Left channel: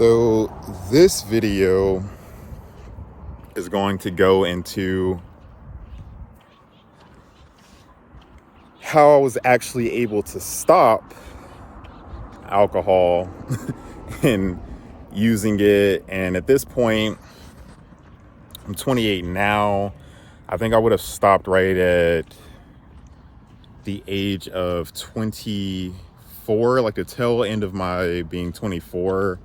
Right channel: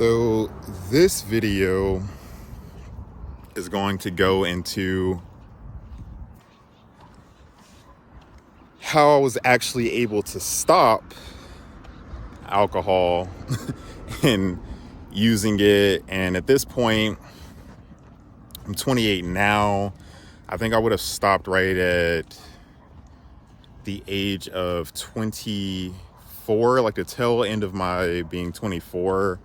So this video is going to go into how I was actually able to stop alcohol and using it. And at this point, I'm 28 now. I think I would have stopped right at the age of 24, like the tail end of my being 24,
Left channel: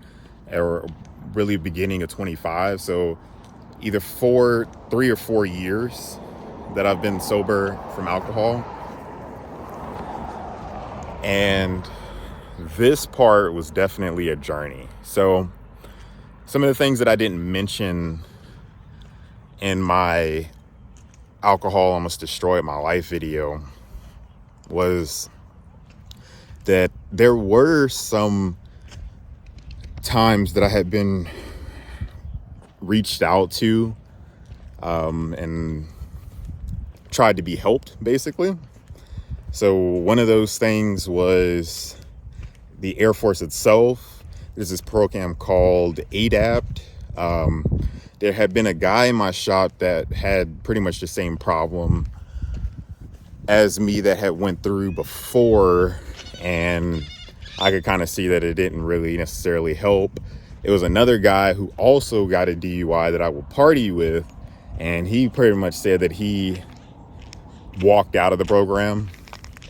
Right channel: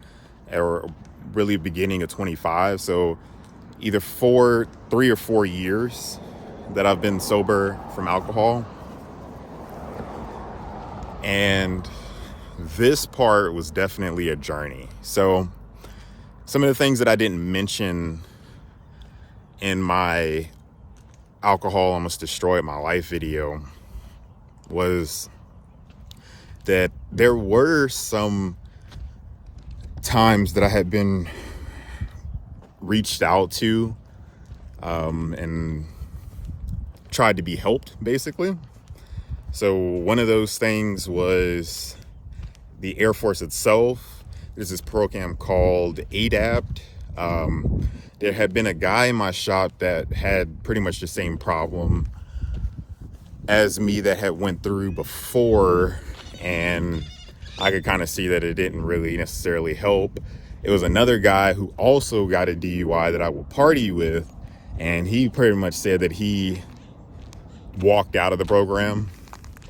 or really beginning of 25. So either 3 or 4 years that I've been sober from alcohol. And this part was definitely a journey. So some of the things that I didn't mention in my alcohol almost destroyed my life video was that there were some times that I had been reached out to and tried to be helped, basically. So one of those things was the Air Force itself. There's this program called ADAPT. There had been a guy in my shop that had pretty much the same problem as me that had went through before, and I could kind of see that it didn't really necessarily help. It was another guy who also got a DUI that I would party with, and he pretty much said that he walked out of the program.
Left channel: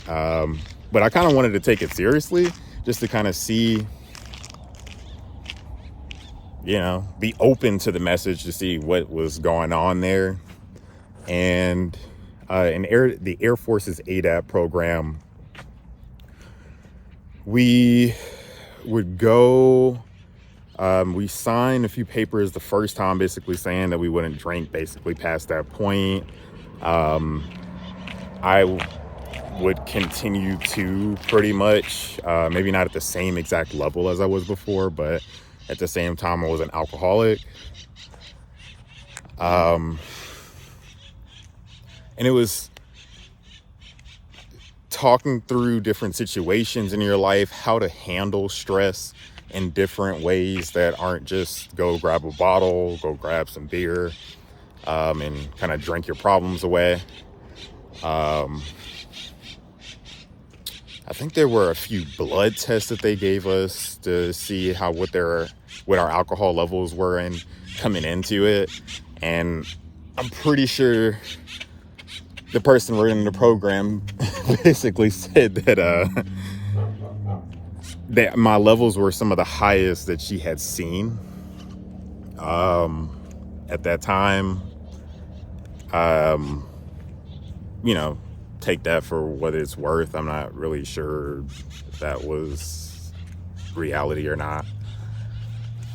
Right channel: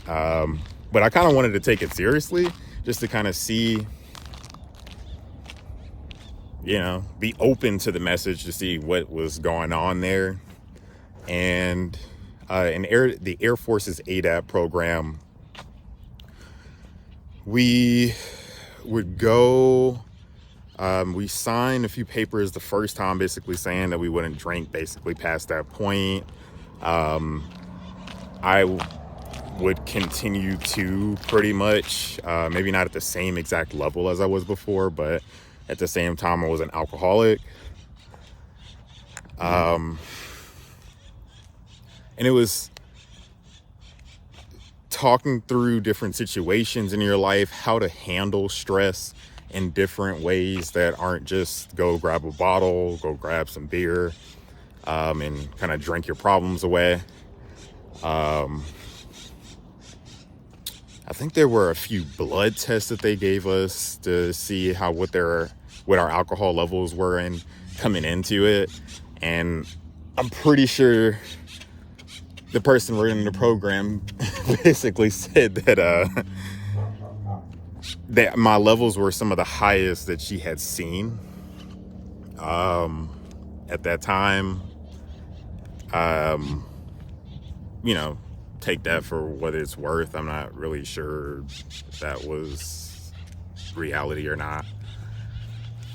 But I kind of wanted to take it seriously, just to kind of see, be open to the message, to see what was going on there. And the Air Force's ADAP program, we would go, we signed a few papers the first time, basically saying that we wouldn't drink, basically past that point. I would continue to pretty much, maybe not at the same exact level as I was before, but at the same time I was an alcoholic. And it was talking through different situations in your life, how to handle stress in different ways that aren't just go grab a bottle, go grab some beer, and kind of drink your problems away. I think there were a few blood tests that they gave us to see what our alcohol levels were in coming into it. And I'm pretty sure the person running the program basically said that that my levels were some of the highest that she had seen at that time. Take that for what it's worth. I'm not really sure if that was reality or not.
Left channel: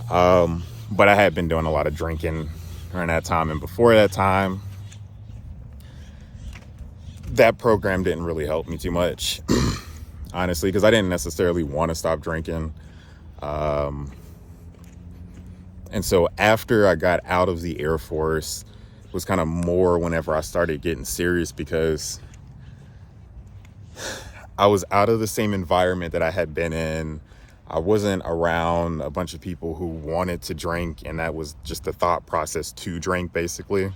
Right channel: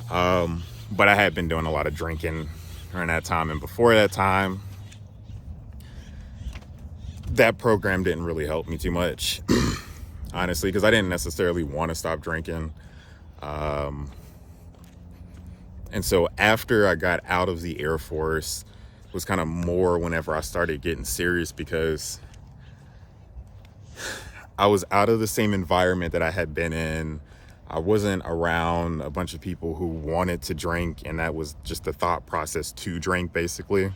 But I had been doing a lot of drinking during that time, and before that time, that program didn't really help me too much, honestly, because I didn't necessarily want to stop drinking. And so after I got out of the Air Force, it was kind of more whenever I started getting serious, because I was out of the same environment that I had been in. I wasn't around a bunch of people who wanted to drink, and that was just the thought process to drink, basically,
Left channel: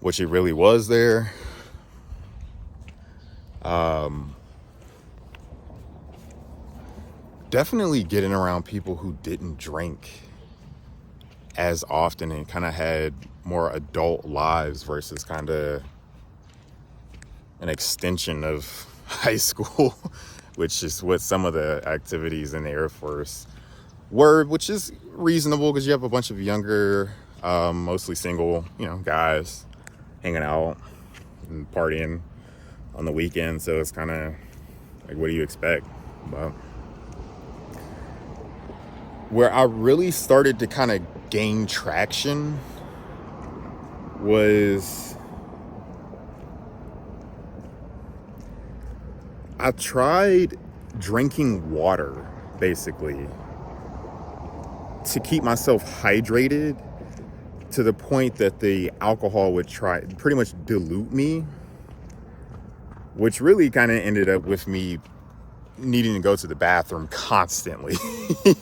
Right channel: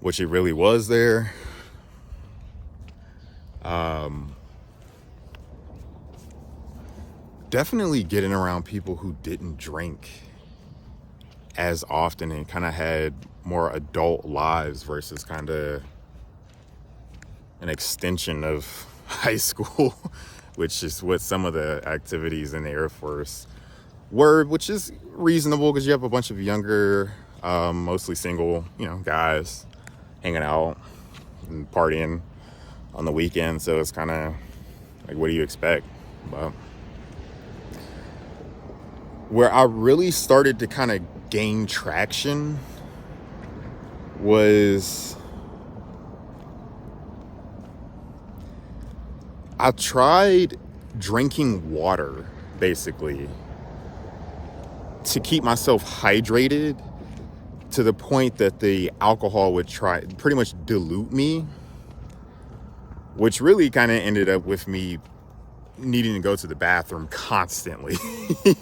which it really was there. Definitely getting around people who didn't drink as often and kind of had more adult lives versus kind of an extension of high school, which is what some of the activities in the Air Force were, which is reasonable because you have a bunch of younger, mostly single, guys hanging out and partying on the weekend. So it's kind of like, what do you expect? But where I really started to kind of gain traction was I tried drinking water, basically, to keep myself hydrated, to the point that the alcohol would try pretty much dilute me, which really kind of ended up with me needing to go to the bathroom constantly.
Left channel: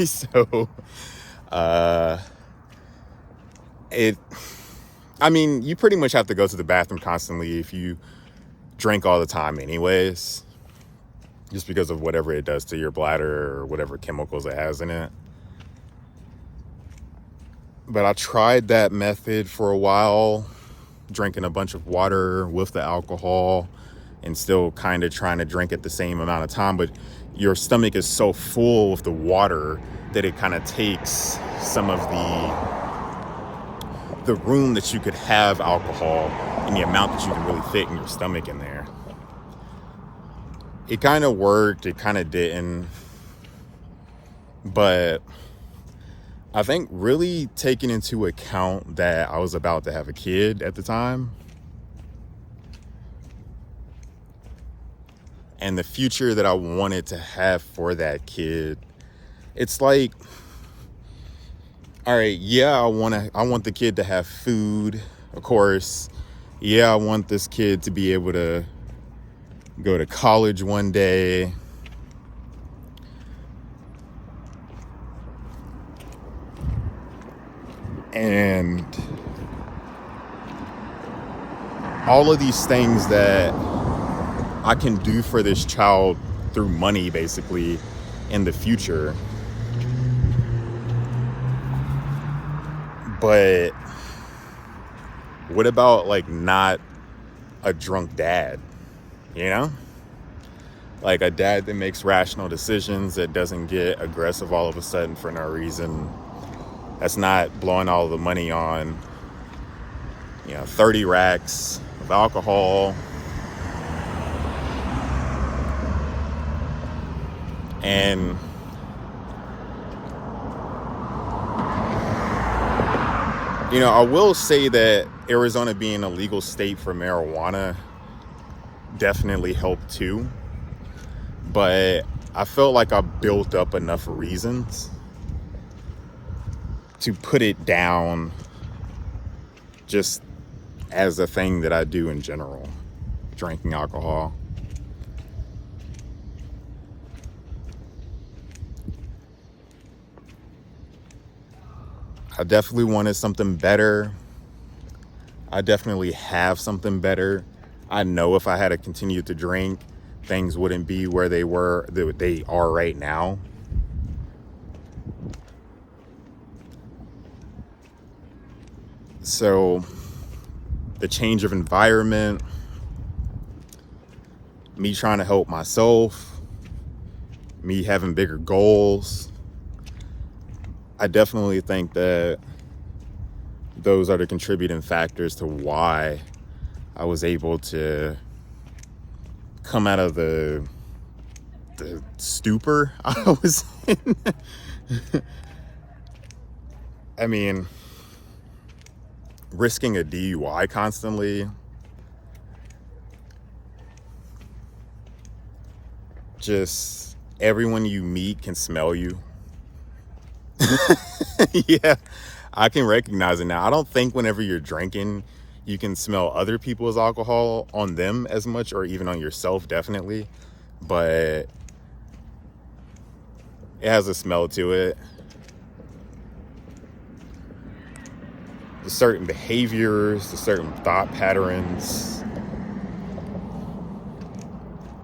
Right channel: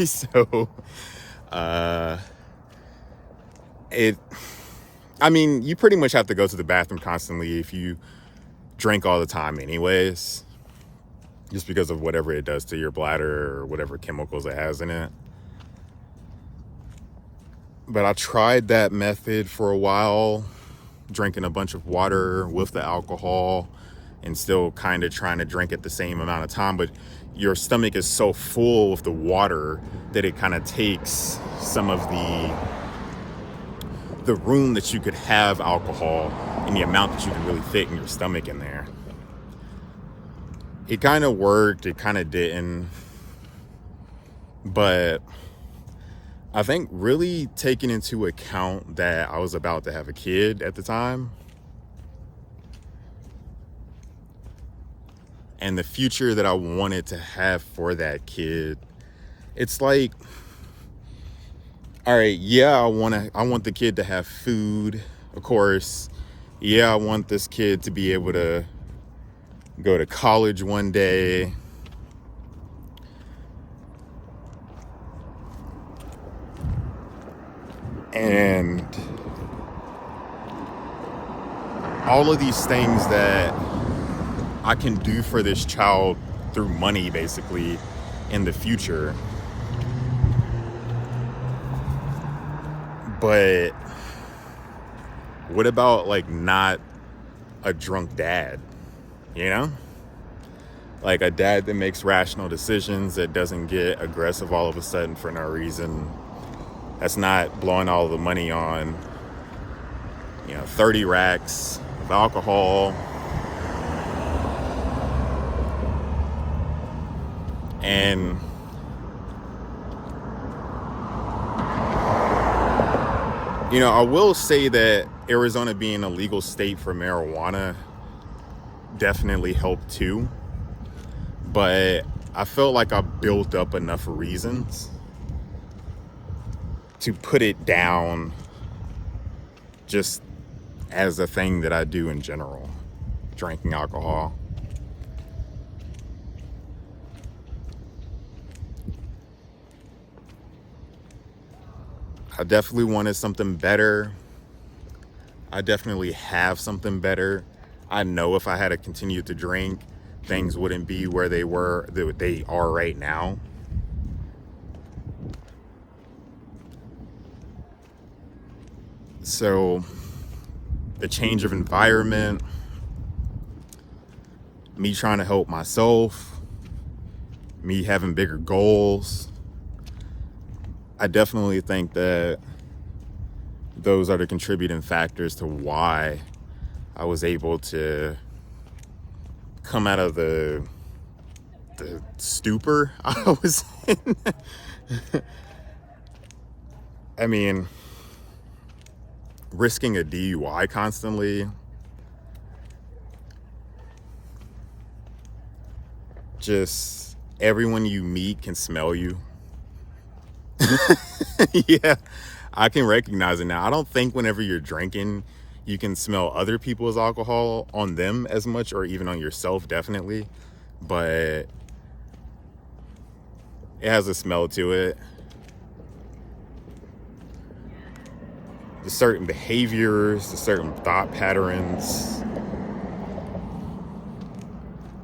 So, you pretty much have to go to the bathroom constantly if you drink all the time anyways, just because of whatever it does to your bladder or whatever chemicals it has in it. But I tried that method for a while, drinking a bunch of water with the alcohol and still kind of trying to drink at the same amount of time. But your stomach is so full with the water that it kind of takes some of the room that you could have alcohol and the amount that you can really fit in your stomach in there. It kind of worked, it kind of didn't. But I think really taking into account that I was about to have a kid at the time and the future that I wanted to have for that kid, it's like, all right, yeah, I want the kid to have food, of course. Yeah, I want this kid to be able to go to college one day. And all of these things that I can do for this child through money, basically, in the future. But what about like not a drunk dad, you know? Like a dad that makes rational decisions, that doesn't get aggressive all of a sudden for no reason. That's not blowing all the money on, 30 racks of alcohol. And I will say that Arizona being a legal state for marijuana definitely helped too. But I felt like I built up enough reasons to put it down just as a thing that I do in general, drinking alcohol. I definitely wanted something better. I definitely have something better. I know if I had to continue to drink, things wouldn't be where they are right now. So the change of environment, me trying to help myself, me having bigger goals, I definitely think that those are the contributing factors to why I was able to come out of the stupor I was in. I mean, risking a DUI constantly, just everyone you meet can smell you. Yeah, I can recognize it now. I don't think whenever you're drinking, you can smell other people's alcohol on them as much, or even on yourself, definitely. But it has a smell to it. The certain behaviors, the certain thought patterns,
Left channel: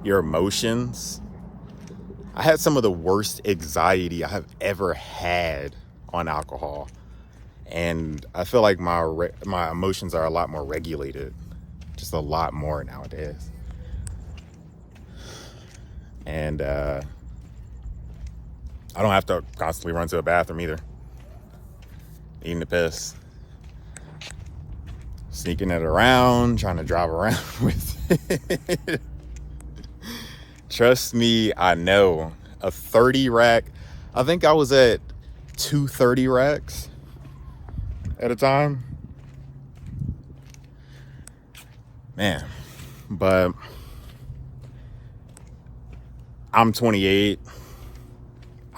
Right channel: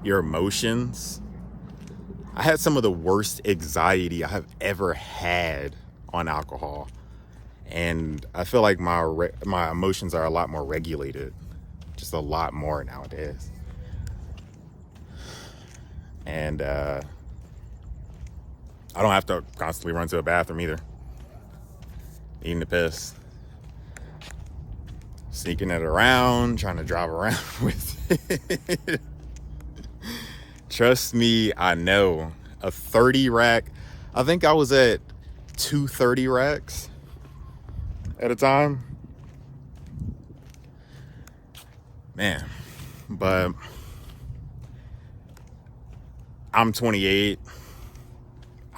your emotions. I had some of the worst anxiety I have ever had on alcohol. And I feel like my emotions are a lot more regulated. Just a lot more nowadays. And I don't have to constantly run to a bathroom either. Eating the piss. Sneaking it around, trying to drive around with it. Trust me, I know. A 30 rack. I think I was at 230 racks at a time. Man, but I'm 28.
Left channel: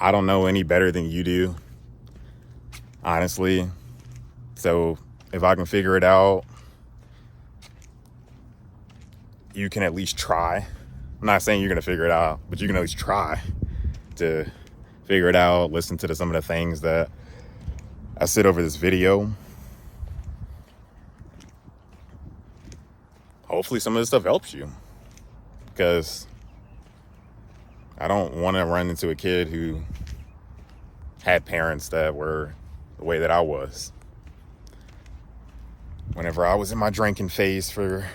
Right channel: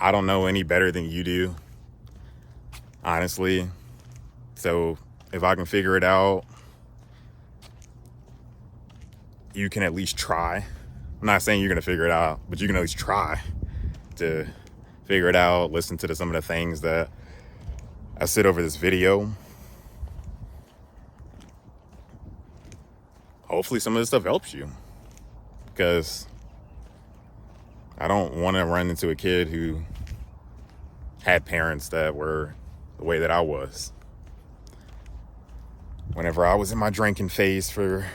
I don't know any better than you do, honestly. So if I can figure it out, you can at least try. I'm not saying you're going to figure it out, but you can at least try to figure it out. Listen to some of the things that I said over this video. Hopefully some of this stuff helps you, because I don't want to run into a kid who had parents that were the way that I was. Whenever I was in my drinking phase for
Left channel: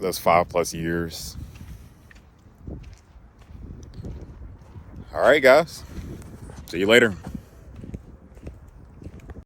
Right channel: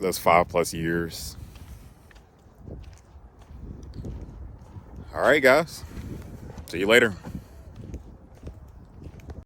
those 5+ years. All right, guys. See you later.